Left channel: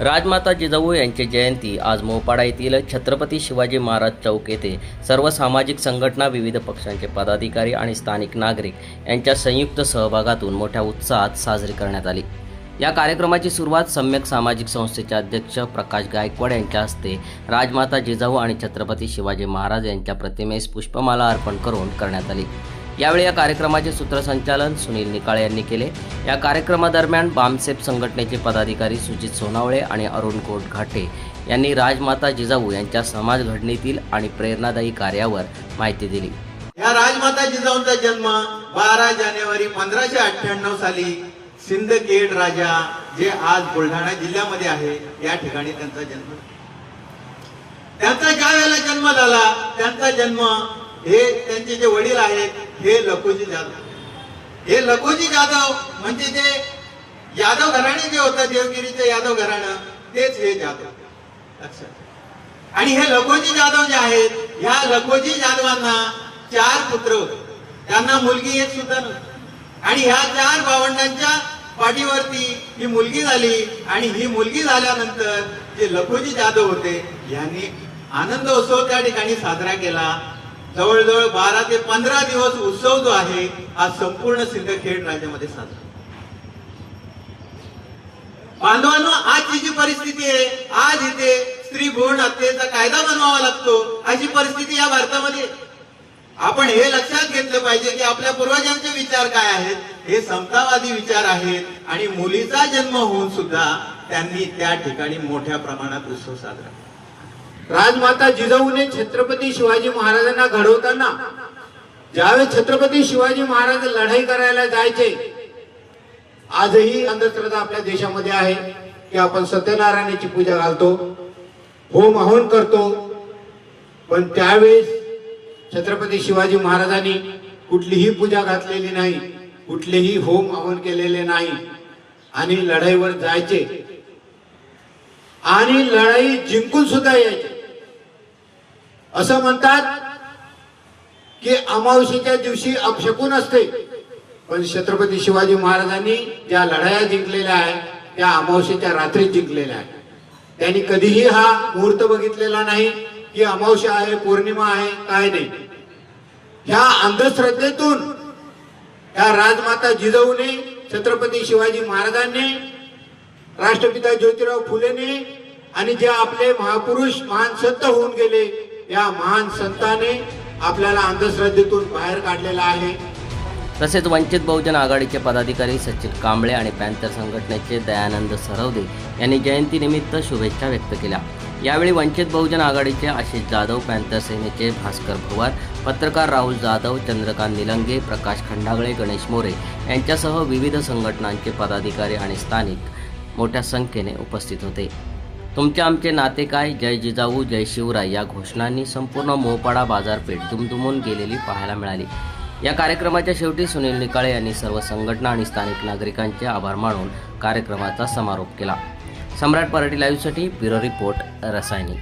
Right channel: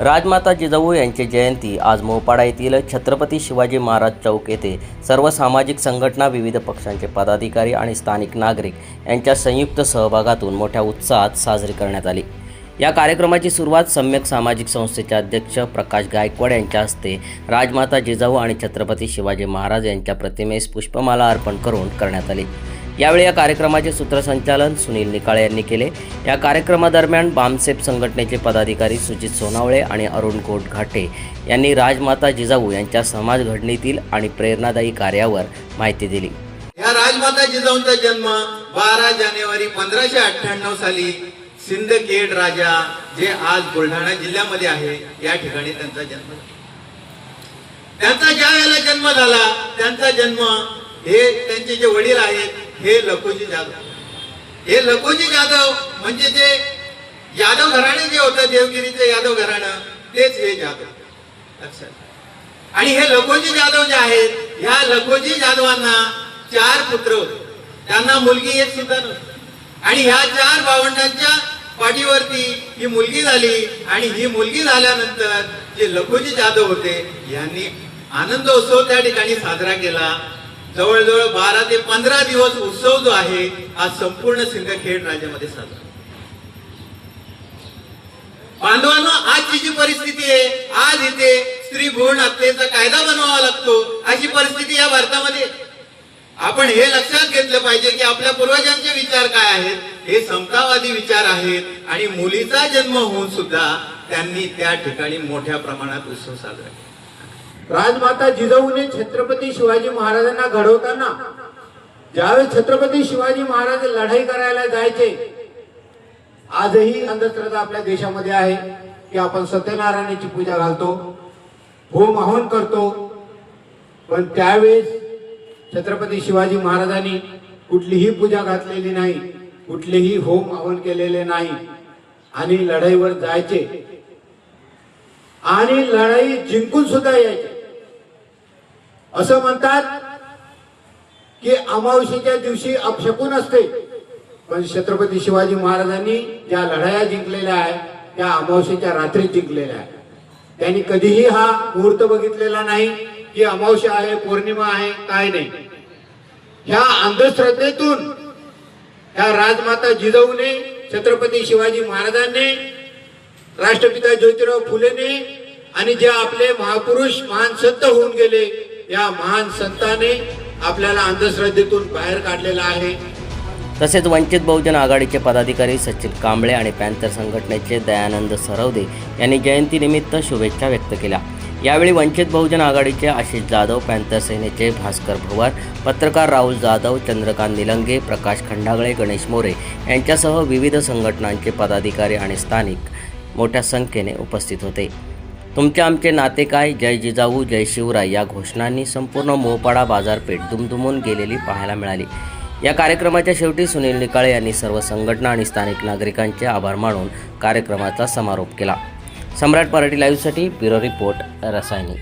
राजमाता जिजाऊ यांची जयंती आज मोपाडा येथील छत्रपती शिवाजी महाराज चौक येथे सर्व सामाजिक संघटना, विविध पक्षांचे पदाधिकारी आणि स्थानिक नागरिक यांच्या संयुक्त सहभागातून मोठ्या उत्साहात साजरी करण्यात आली। या कार्यक्रमाची सुरुवात सम्यक सामाजिक संस्थेचे अध्यक्ष प्रकाश गायकवाड यांच्या हस्ते राजमाता जिजाऊ आणि छत्रपती शिवाजी महाराज यांच्या प्रतिमेस पुष्पमाला अर्पण करून करण्यात आली। यावेळी या कार्यक्रमाचे सूत्रसंचालन सुनील निकाळे यांनी केले। या कार्यक्रमादरम्यान बामसेप संघटनेचे पदाधिकारी सुजित सोनावळे आणि अरुण घाटे यांनी राजमाता जिजाऊ यांच्या समाज घडणीतील आणि प्रेरणादायी कार्यावर माहिती दिली। या राजमाता जिजाऊंचा जन्म 12 जानेवारी 1598 साली सिंदखेड राजा, जे आज बुलढाणा जिल्ह्यामध्ये आहे, या ठिकाणी त्यांचा जन्म। त्यांचा ज्या वेळेला जन्म झाला, त्यांचा जन्म हे त्यांचे जे वडील आहेत हे लखोजी जाधव। हे लखोजी जाधव म्हणजे जे यादव घराणे जे होतं, देवगिरीचे यादव घराणं, तेच हे जाधव। अच्छा। आणि हे लखोजी जाधव जे आहेत, ह्या लखोजी जाधवांना 4 पुत्र होते, त्यांना मुलगी एक सुद्धा नव्हती। आणि ह्या 4 भावंडांच्या पाठीवरती ही मुलगी झाली। आणि ही मुलगी झाल्यानंतर जे लखोजी जाधव होते यांनी आनंद उत्सव त्या ठिकाणी साजरा केला। जवळजवळ 12 ते 15 दिवस उत्सव जो आहे आज संपूर्ण सिंदखेड राज्यामध्ये साजरा। बांधवांनो, आजची जी परिस्थिती आहे, आज इथे स्त्री भ्रूण हत्येचा कायदा बनवावा लागतो, अशी परिस्थिती या भारतामध्ये। आपण हे लक्षात घेतलं पाहिजे की आपल्या पूर्वजांचे विचार काय आहेत, हे समतावादी विचार आहेत। आणि मुलीचा जन्म होऊन सुद्धा त्यांनी त्या ठिकाणी मोठ्या प्रमाणात उत्सव साजरा केला। राजमाता जिजाऊने छत्रपती शिवाजी महाराजांना घडवताना, ज्यावेळेस छत्रपती शिवाजी महाराज लढाई करायला जायचे, आजही अंधश्रद्धा आपल्या देशामध्ये आहे की आपण सत्यनारायणाची पूजा घालतो, होम हवन करतो, पण त्यावेळेस छत्रपती शिवाजी महाराजांनी कुठलीही पूजा घातलेली नाही, कुठलेही होम हवन केलेले नाही आणि लढाईवर जायचे आणि लढाई जिंकून सुद्धा यायचे। असं म्हणतात की अमावस्येच्या दिवशी अपशकुन असते, पण छत्रपती शिवाजी महाराजांनी ज्या लढाया जिंकलेल्या आहेत त्या अमावस्येच्या रात्री जिंकलेल्या आहेत। त्यांनी कधीही हा मुहूर्त बघितलेला नाही की अमावस्या आहे, पौर्णिमा आहे, काय नाही। ह्या अंधश्रद्धेतून ह्या राजमाता जिजाऊने, छत्रपती शिवाजी महाराजांनी, राष्ट्रपिता ज्योतिराव फुलेने आणि जे आपले महापुरुष महान संत होऊन गेले, या महान संतांनी आपल्याला अंधश्रद्धेतून बाहेर काढलेला आहे। तसेच वंचित बहुजन आघाडीचे पदाधिकारी सचिन कांबळे आणि पॅन्थर संघटनेचे दयानंद सरवदे यांनी जयंतीनिमित्त शुभेच्छा व्यक्त केल्या। यावेळी वंचित बहुजन आघाडीचे आशिष जाधव, पॅन्थर सेनेचे भास्कर भवार, पत्रकार राहुल जाधव, चंद्रकांत निलंगे, प्रकाश खंडागळे, गणेश मोरे यांच्यासह विविध संघटनांचे पदाधिकारी आणि स्थानिक मोठ्या संख्येने उपस्थित होते। तुमचे आमचे नाते काय, जय जिजाऊ, जय शिवराय या घोषणांनी संपूर्ण मोपाडा बाजारपेठ दुमदुमून गेलेली पाहायला मिळाली। या कार्यक्रमाच्या शेवटी सुनील निकाळे यांनी सर्व संघटना आणि स्थानिक नागरिकांचे आभार मानून कार्यक्रमाचा समारोप केला। सम्राट मराठी लाईव्हसाठी ब्युरो रिपोर्ट, रसायनी।